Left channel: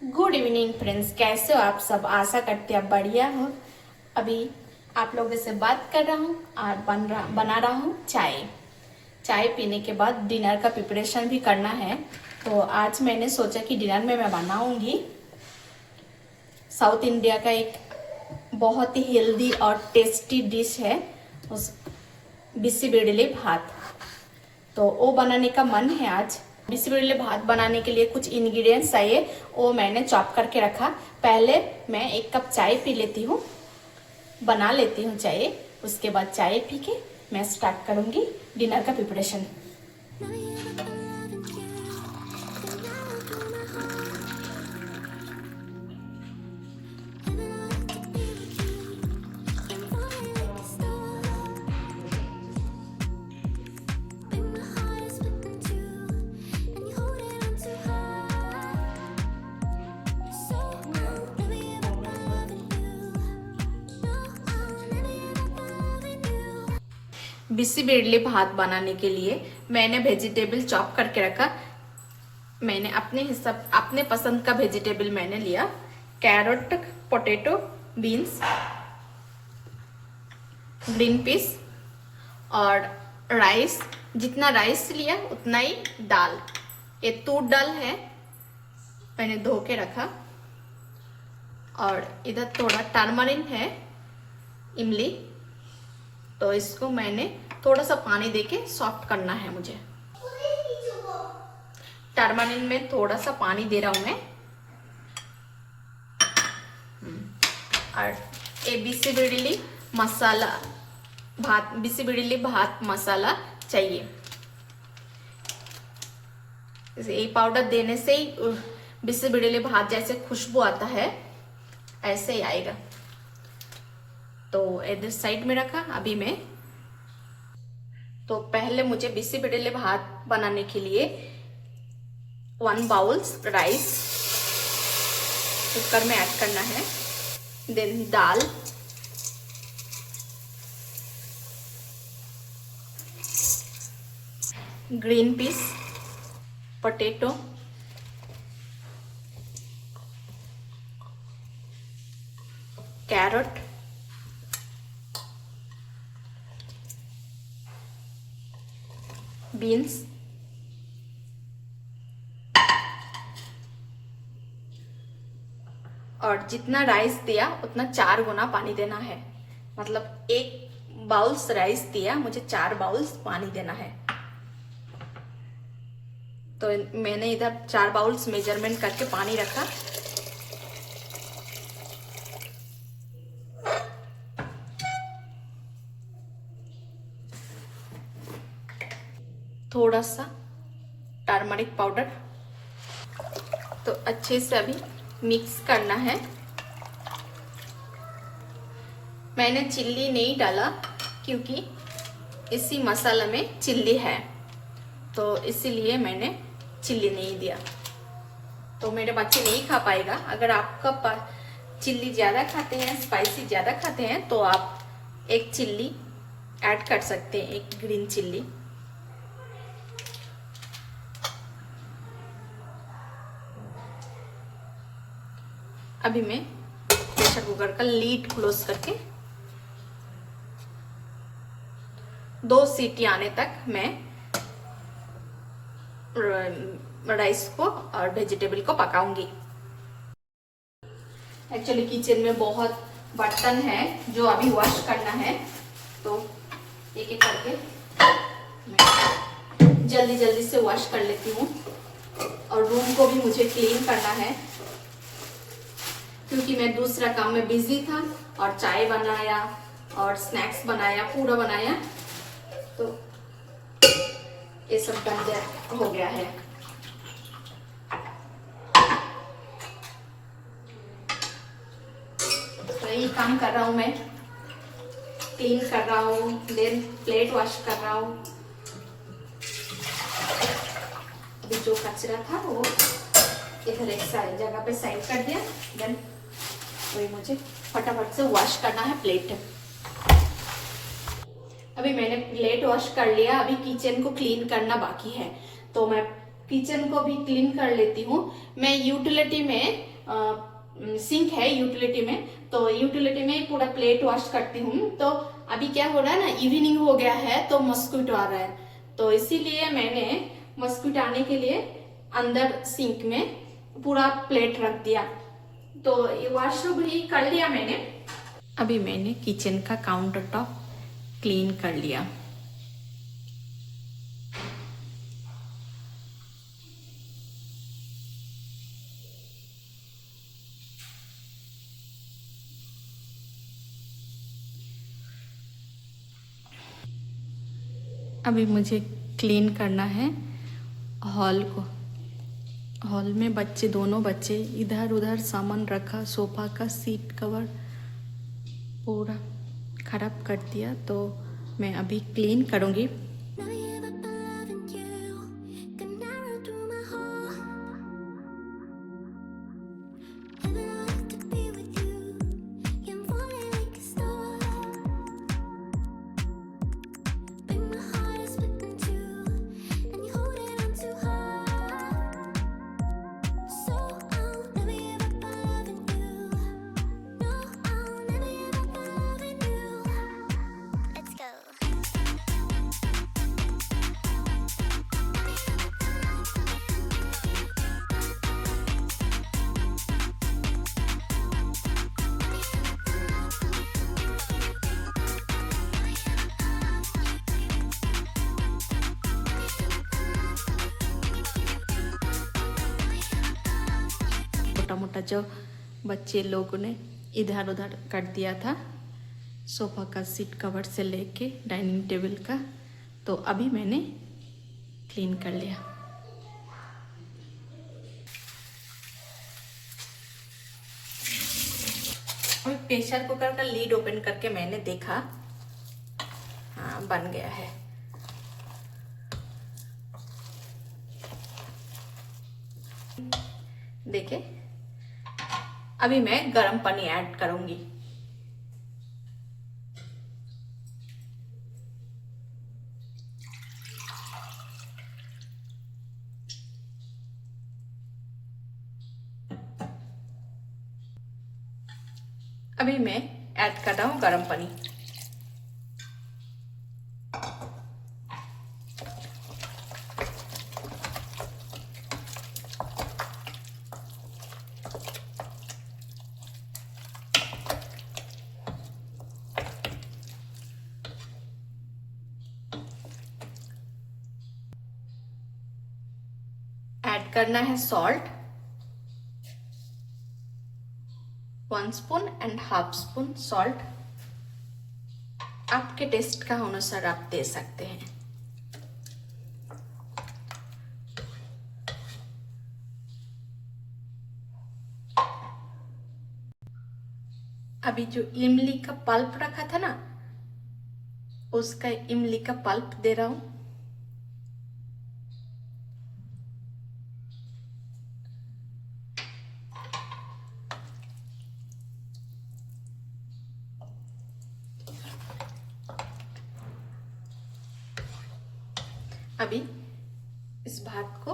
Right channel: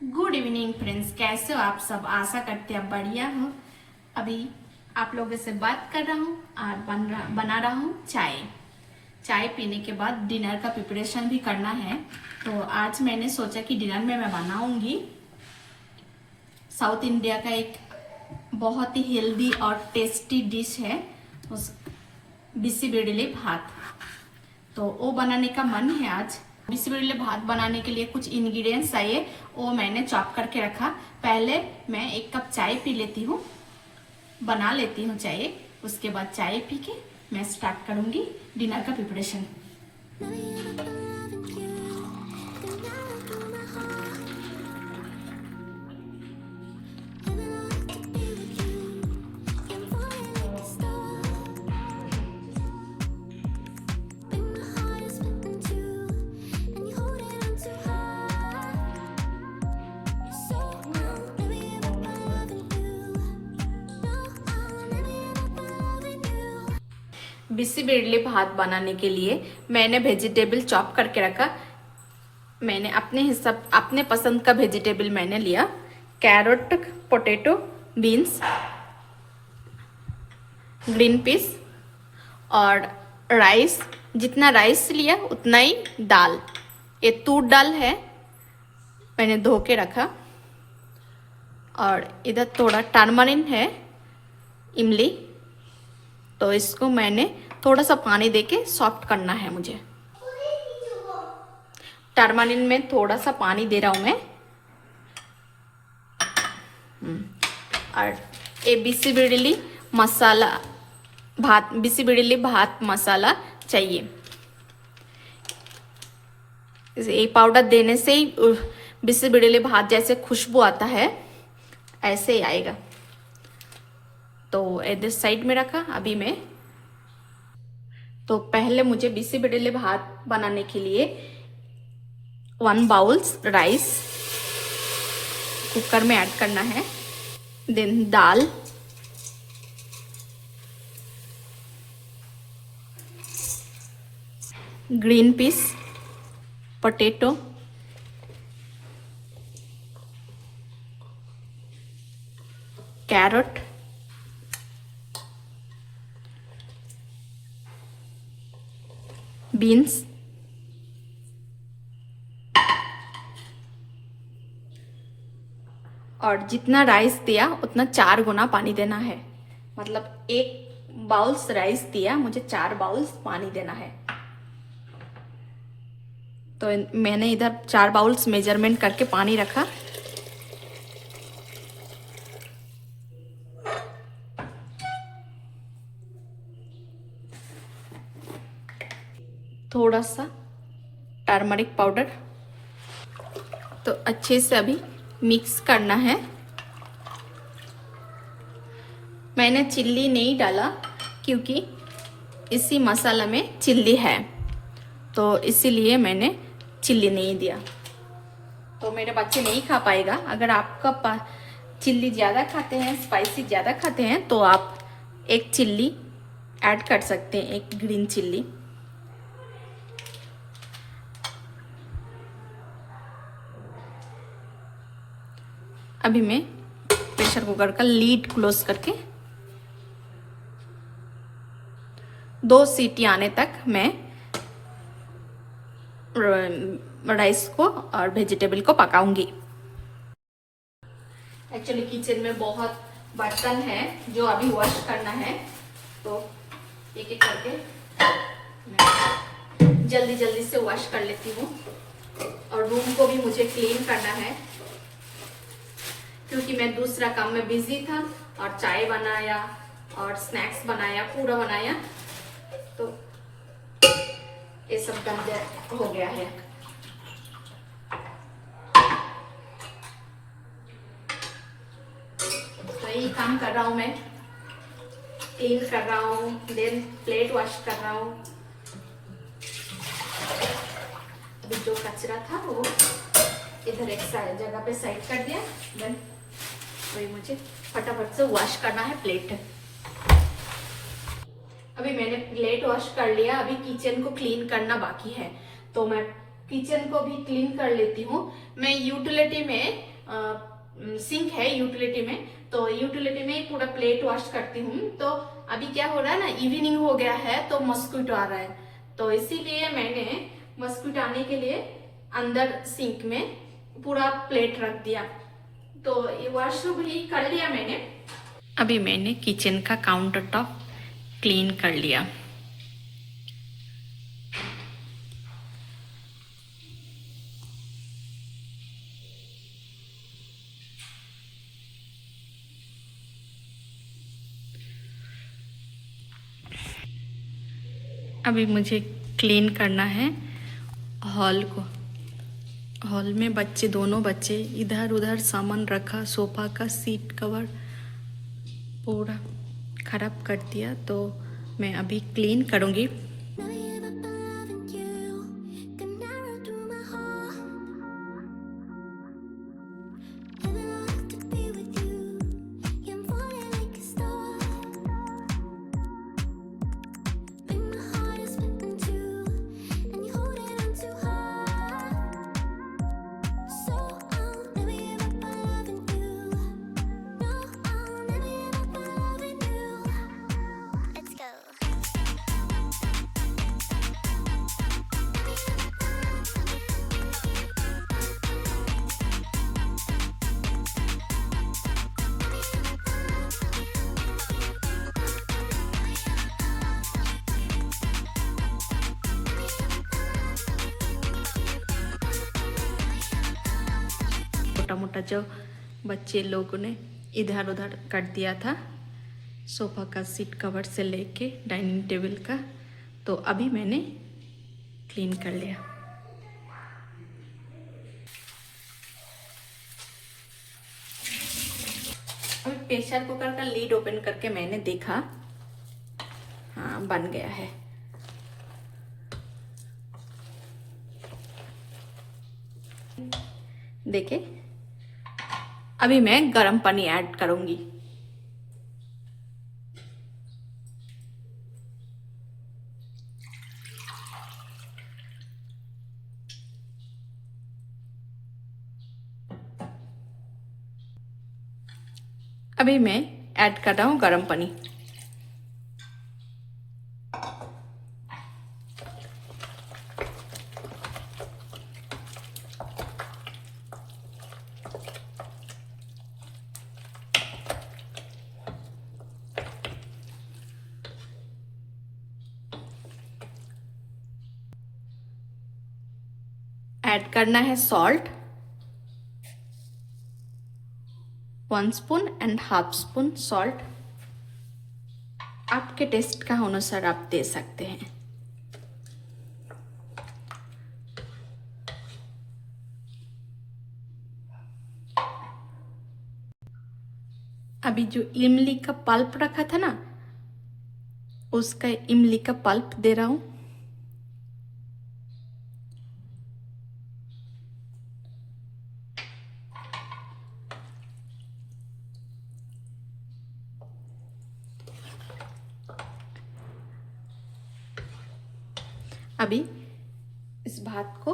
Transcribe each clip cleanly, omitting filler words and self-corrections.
Good evening friends, कैसे हो आप सब। आशा करते हैं आप बढ़िया हो। अभी आप लोगों से बात कर रहा हूँ और बना रहा हूँ चाय। चाय पीने के बाद डिनर का प्रिपरेशन भी करना है। तो आज मैंने सोचा कि डिनर में मैं बनाऊंगी साउथ इंडिया का एक बहुत ही हेल्दी और टेस्टी डिश है, उस बिसी भात। तो वो बनाने का मन है आज। बिसी भात बनाने के लिए कुछ इंग्रेडिएंट्स चाहिए, वो मैंने चॉप करके रखा। पहले मैं 1 कप चाय पी लेती हूँ, बना लेती हूँ चाय। उसके बाद चाय पी के मैं स्टार्ट करूंगी डिनर का प्रिपरेशन। बिसी भात बनाने के लिए मैंने वेजिटेबल चॉप करके रखा। मैंने अपने हिसाब अपने पसंद का वेजिटेबल मैंने लिया। Carrot, potato, beans, green peas और राइस। जितना राइस लिया उतना ही दाल। ये तूर दाल है, मैंने धो के रखा। और इधर थोड़ा टर्मरिन है, इमली। तो इसको मैंने थोड़ा सा पानी देके सॉफ्ट करना है मुझे। टर्मरिन में थोड़ा सा पानी दे रहा हूं मैं। और ये बिसी मसाला भात, बिसी भात मसाला चाहिए। ये पाउडर देने से ही बिसी भात जैसे खुशबू आता है, ऐसे ही आएगा। तो इधर साइड में रखा। अभी मैं तो पहले मुझे बिसी भात बनाने के लिए 1 बाउल राइस कुकर में ऐड करना है। देन दाल, green peas, potato, carrot, beans, और जितना राइस दिया उतना 4 गुना पानी देना है। मतलब 1 बाउल्स राइस दिया, मुझे 4 बाउल्स पानी देना है। तो मैंने इधर 4 बाउल्स मेजरमेंट करके पानी रखा। थोड़ा सा टर्मरिक पाउडर। तो अच्छे से अभी मिक्स करना है। मैंने चिल्ली नहीं डाला क्योंकि इसी मसाला में चिल्ली है, तो इसीलिए मैंने चिल्ली नहीं दिया। तो मेरे बच्चे नहीं खा पाएगा। अगर आपका चिल्ली ज़्यादा खाते हैं, स्पाइसी ज़्यादा खाते हैं, तो आप 1 चिल्ली ऐड कर सकते हैं, 1 ग्रीन चिल्ली। अभी मैं प्रेशर कुकर का लीड क्लोज करके 2 सीटी आने तक मैं राइस को और वेजिटेबल को पकाऊंगी। एक्चुअली किचन में बहुत बर्तन है जो अभी वॉश करना है, तो एक एक करके मैं जल्दी जल्दी से वॉश कर लेती हूँ। और रूम को भी मुझे क्लीन करना है क्योंकि मैं दूसरा काम में बिजी था और चाय बनाया और स्नैक्स बनाया, पूरा बनाया, तो ये सब गंदा हो गया है। तो यही काम कर रहा हूँ मैं, क्लीन कर रहा हूँ, देन प्लेट वॉश कर रहा हूँ। अभी जो कचरा था वो इधर एक जगह पे साइड कर दिया। देन तो ये मुझे फटाफट से वॉश करना है प्लेट। अभी मैंने प्लेट वॉश कर लिया। अभी किचन को क्लीन करना बाकी है, तो मैं किचन को भी क्लीन कर लेती हूँ। मैं यूटिलिटी में सिंक है यूटिलिटी में, तो यूटिलिटी में ही पूरा प्लेट वॉश करती हूँ। तो अभी क्या हो रहा है ना, इवनिंग हो गया है तो मस्क्यूटो आ रहा है, तो इसीलिए मैंने मस्क्यूटो आने के लिए अंदर सिंक में पूरा प्लेट रख दिया। तो ये वॉशरूम भी कर लिया मैंने। अभी मैंने किचन का काउंटर टॉप क्लीन कर लिया। अभी मुझे क्लीन करना है हॉल को। हॉल में दोनों बच्चे इधर उधर सामान रखा, सोफा का सीट कवर पूरा खराब कर दिया, तो मैं अभी क्लीन करूँगी। छोटा मोटा जो बच्चे लोगों ने इधर उधर कर दिया था, सोफा का सीट कवर से लेके डाइनिंग टेबल का, तो अभी मैंने क्लीन कर लिया। अभी प्रेशर कुकर का लीड ओपन करके मैंने देखा, हाँ बन गया है। देखिए अभी मैं गर्म पानी ऐड करूंगी। अभी मैं ऐड कर रहा हूं गर्म पानी। ऐड करना है salt, 1 spoon and half spoon salt. आपके टेस्ट का अनुसार आप दे सकते हैं। अभी जो इमली का पल्प रखा था ना, उसका इमली का पल्प दे रहा हूं। अभी इस भात को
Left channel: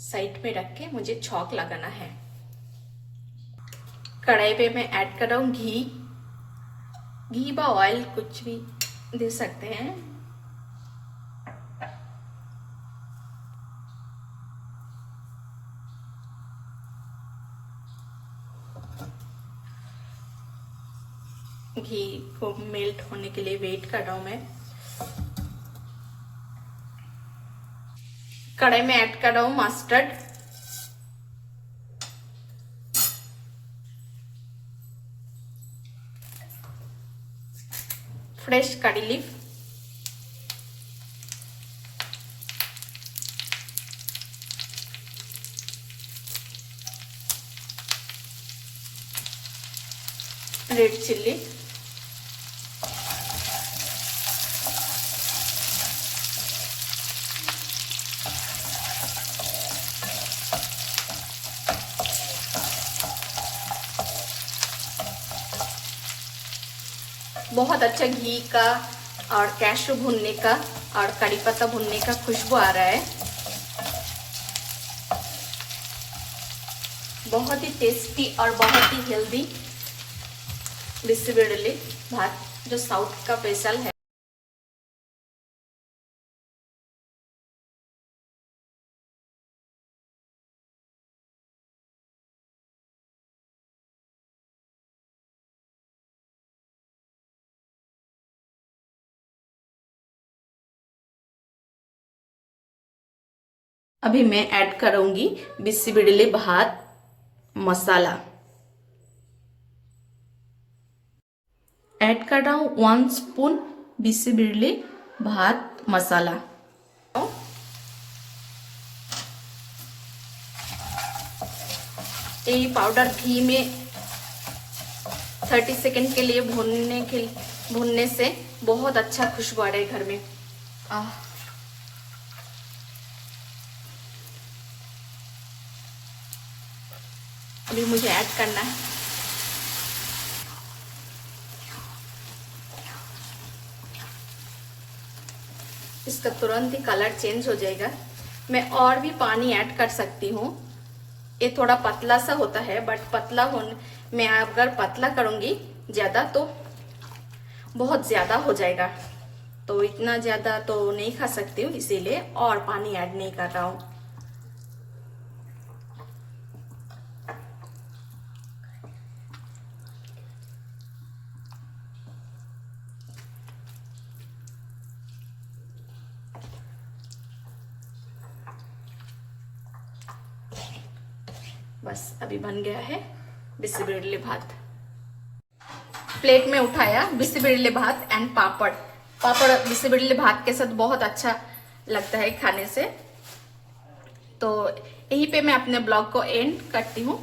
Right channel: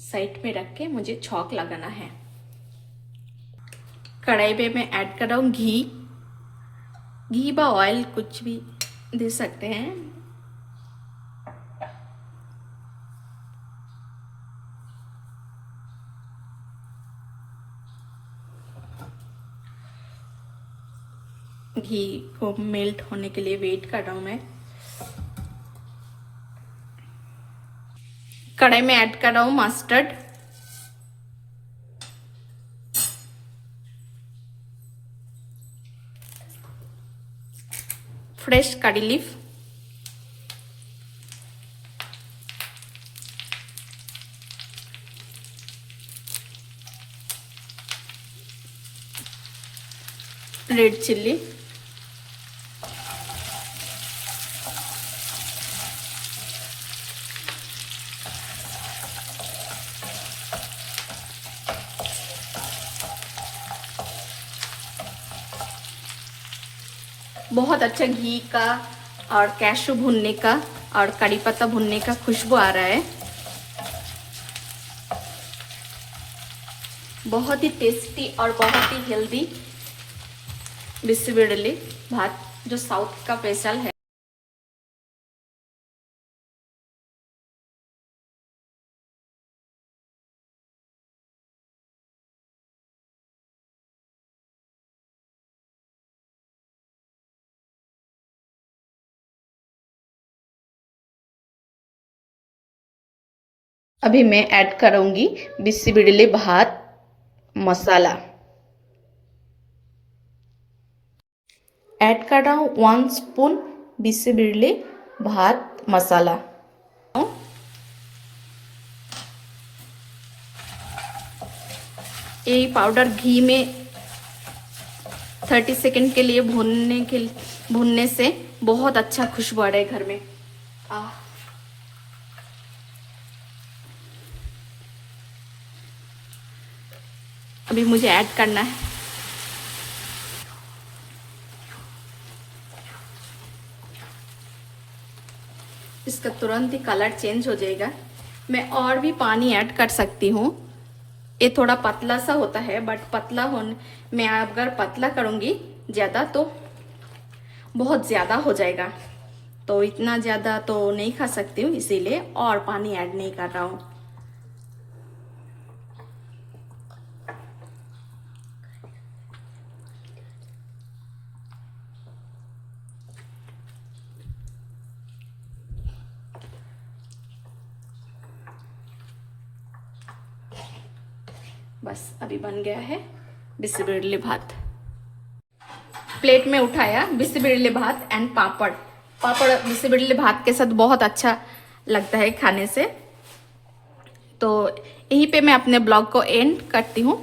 साइड में रख के मुझे छौंक लगाना है। कढ़ाई पे मैं ऐड कर रहा हूँ घी बा ऑयल कुछ भी दे सकते हैं। घी को मेल्ट होने के लिए वेट कर रहा हूं मैं। कढ़ाई में ऐड कर रहा हूं मस्टर्ड, फ्रेश कड़ी लीफ, रेड चिल्ली, बहुत अच्छा घी का और कैशू भुनने का और कड़ी पत्ता भुनने का खुशबू आ रहा है। बहुत ही टेस्टी और बहुत ही हेल्दी बिस्सी-बिड़ली भात जो साउथ का स्पेशल है। अभी मैं ऐड करूंगी बिस्सी-बिड़ली भात मसाला। ऐड कर रहा हूँ 1 स्पून बिस्सी-बिड़ली भात मसाला। ये पाउडर घी में 30 सेकंड के लिए भूनने से बहुत अच्छा खुशबू आ रहा है घर में। अभी मुझे ऐड करना है। इसका तुरंत ही कलर चेंज हो जाएगा। मैं और भी पानी ऐड कर सकती हूँ। ये थोड़ा पतला सा होता है, बट पतला होने मैं अगर पतला करूँगी ज़्यादा तो बहुत ज़्यादा हो जाएगा, तो इतना ज़्यादा तो नहीं खा सकती हूँ, इसीलिए और पानी ऐड नहीं कर रहा हूँ। बस अभी बन गया है बिस्सी-बिड़ली भात। प्लेट में उठाया बिस्सी-बिड़ली भात एंड पापड़। पापड़ बिस्सी-बिड़ली भात के साथ बहुत अच्छा लगता है खाने से। तो यहीं पे मैं अपने ब्लॉग को एंड करती हूँ।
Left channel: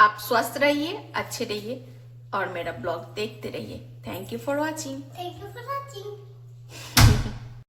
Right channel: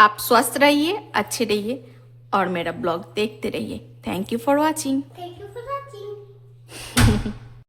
आप स्वस्थ रहिए, अच्छे रहिए और मेरा ब्लॉग देखते रहिए। Thank you for watching.